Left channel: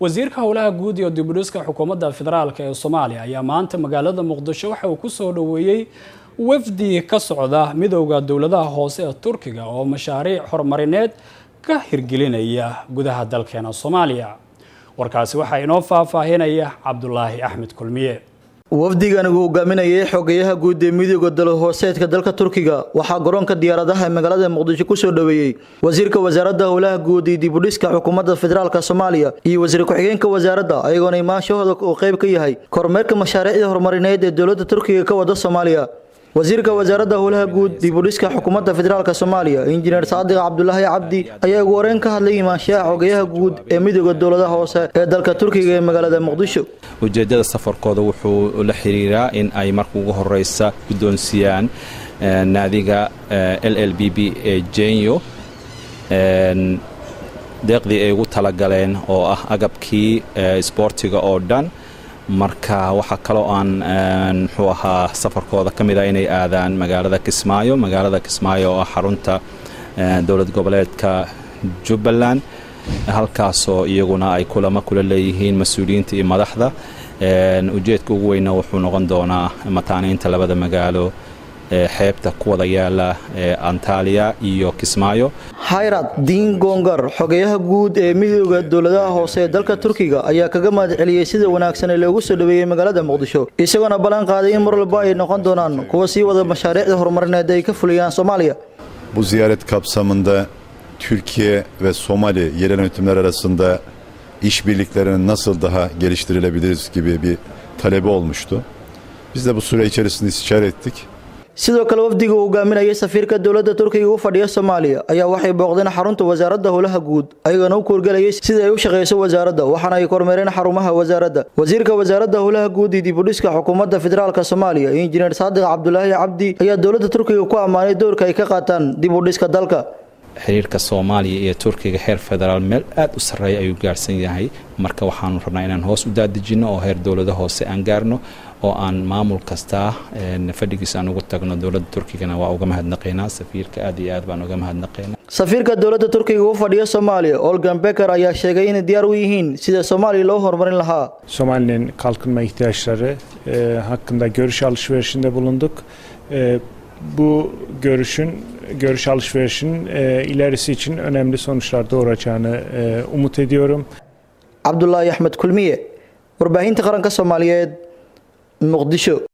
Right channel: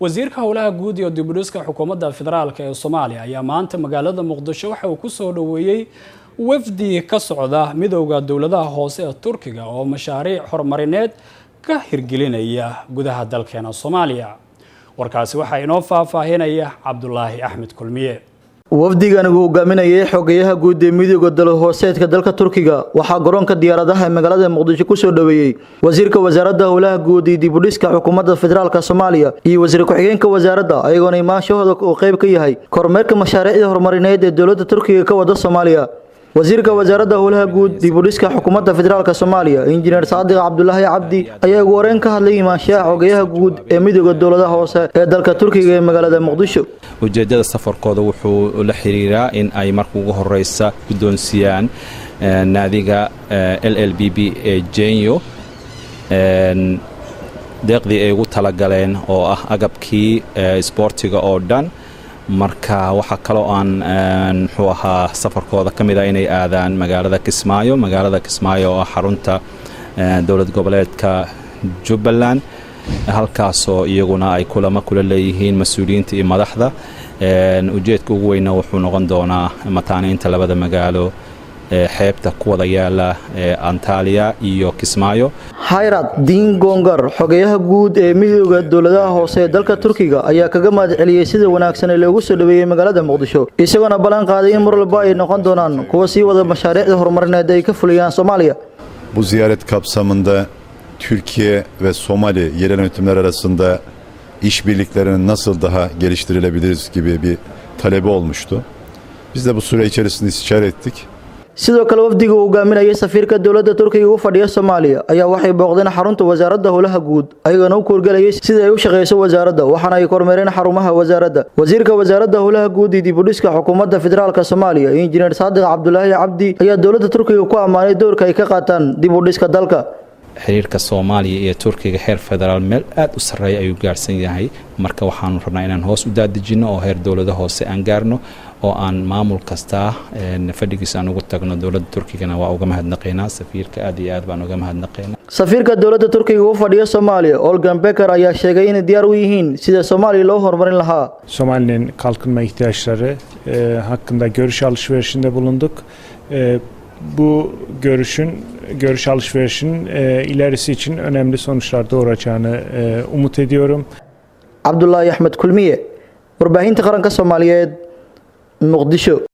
wasiirka howlaha guud iyo dib-u-dhiska xukuumadda federaalka ee Soomaaliya ayaa maanta magaalada Muqdisho waxa uu ku soo dhaweeyay wafdi ka socda midowga dawladaha hoose ee Turkiga oo mashaariic horumarineed ka hirgelinaya gudaha dalkeena Soomaaliya. warkaasi waxa inoo faahfaahinaya Cabdullaahi Axmed Kulmiye. wafdigan uu hogaaminayay xogayaha guud ee midowga dawladaha hooseedka dalka Turkiga waxaa garoonka diyaaradaha magaalada Muqdisho ku soo dhaweeyay wasiirka wasaaradda howlaha guud iyo dib-u-dhiska xukuumadda federaalka Soomaaliya iyo wasiir ku-xigeenka wasaaradda ayagoona imaanshahooda oo qayb ka yahay kormeerka mashaariicda horumarineed ee dawladda Turkiga ka wada Soomaaliya. wasiirka wasaaradda howlaha guud dib-u-dhiska xukuumadda federaalka Soomaaliya injineer Saadiq Cabdullaahi Cabdi ayaa ugu horreyn ka hadlay imaanshaha xogayaha guud ee midowga dawladaha hoose ee dalka Turkiga ee magaalada Muqdisho. ujeedada safarkooda wuxuu la xiriiraa in ay marka ugu horeysa guddoonsiyaan naadiga LLBB ee Genyo deeqdii ay ugu talagaleen oo ah agabkii isboortiga oo dhan. marka waxa kale oo aan muxuu ahaa safarkooda kamid ah inay aadaan magaalada Kismaayo oo xarunta dawlad goboleedka Jubbaland halkaasoo iyaguna ay kulamo kula leeyihiin mas'uuliyiinta iyo madaxda. ujeedka ugu weyn wuxuu noqon doonaa mataaneynta labada magaalo xeebta ku wada yaala Antalya iyo Kismaayo. Hayrat Din Gongar xogayaha guud ee midowga dawladaha hoose ee dalka Turkiga ayaa kaga mahadceliyay sida wanaagsan ee loogu soo dhaweeyay magaalada Muqdisho isagoo ballan qaaday in mar walba ay noqon doonaan kuwa sii wada mashaariicda horumarineed ay ka fuliyaan Soomaaliya. Bu ziyaret kapsamında Türkiye ve Somali yerel yönetimler arasında işbirliklerini nasıl daha geliştirilebiliriz gibi bir talebi olmuştu. Biz de bu süre içerisinde istişare ettik. sidoo kale wafdiga uu hogaaminayay safiirka dawladda Turkiga u fadhiya Soomaaliya ayaa waxay booqdeen xarunta wasaaradda howlaha guud ayagoo u korgalayay sida ay u shaqeyso wasaaradda waxaana ay kormeereen xarumaha wasaaradda. wasiirka wasaaradda howlaha guud iyo dib-u-dhiska xukuumadda federaalka Soomaaliya injineer Saadiq Cabdullaahi Cabdi ayaa dawladda Turkiga ku amaanay doorka ay ka qaataan dib-u-dhiska dalka. xiriirka Soomaaliya iyo Turkiga heer federaal meel aad u sareeya ayuu gaarsan yahay. marka waxaan rabnaa inaan hoos u daadejino oo heer dawladda hoose aan gaarno oo aan maamul kasta fadhigiisa aan ugu tagno. dawladda Turkigana waa uga mahadnaqaynaa safiirka aad iyo aad baan uga mahadnaqaynaa. safiirka dawladda Turkiga u fadhiya Soomaaliya Olgan Becker ayaa sheegay in diyaar u yihiin sida Soomaaliya loo horumarin lahaa. Somali'nin kalkınma ihtiyaçları hakkında görüş alışverişinde bulunduk. Bu görüş alışverişinin ilerisi için önemli sonuçlar doğuracağını umut ediyorum. Cabdullaahi Axmed Kulmiye, warbaahinta qaranka Soomaaliyeed, Muqdisho.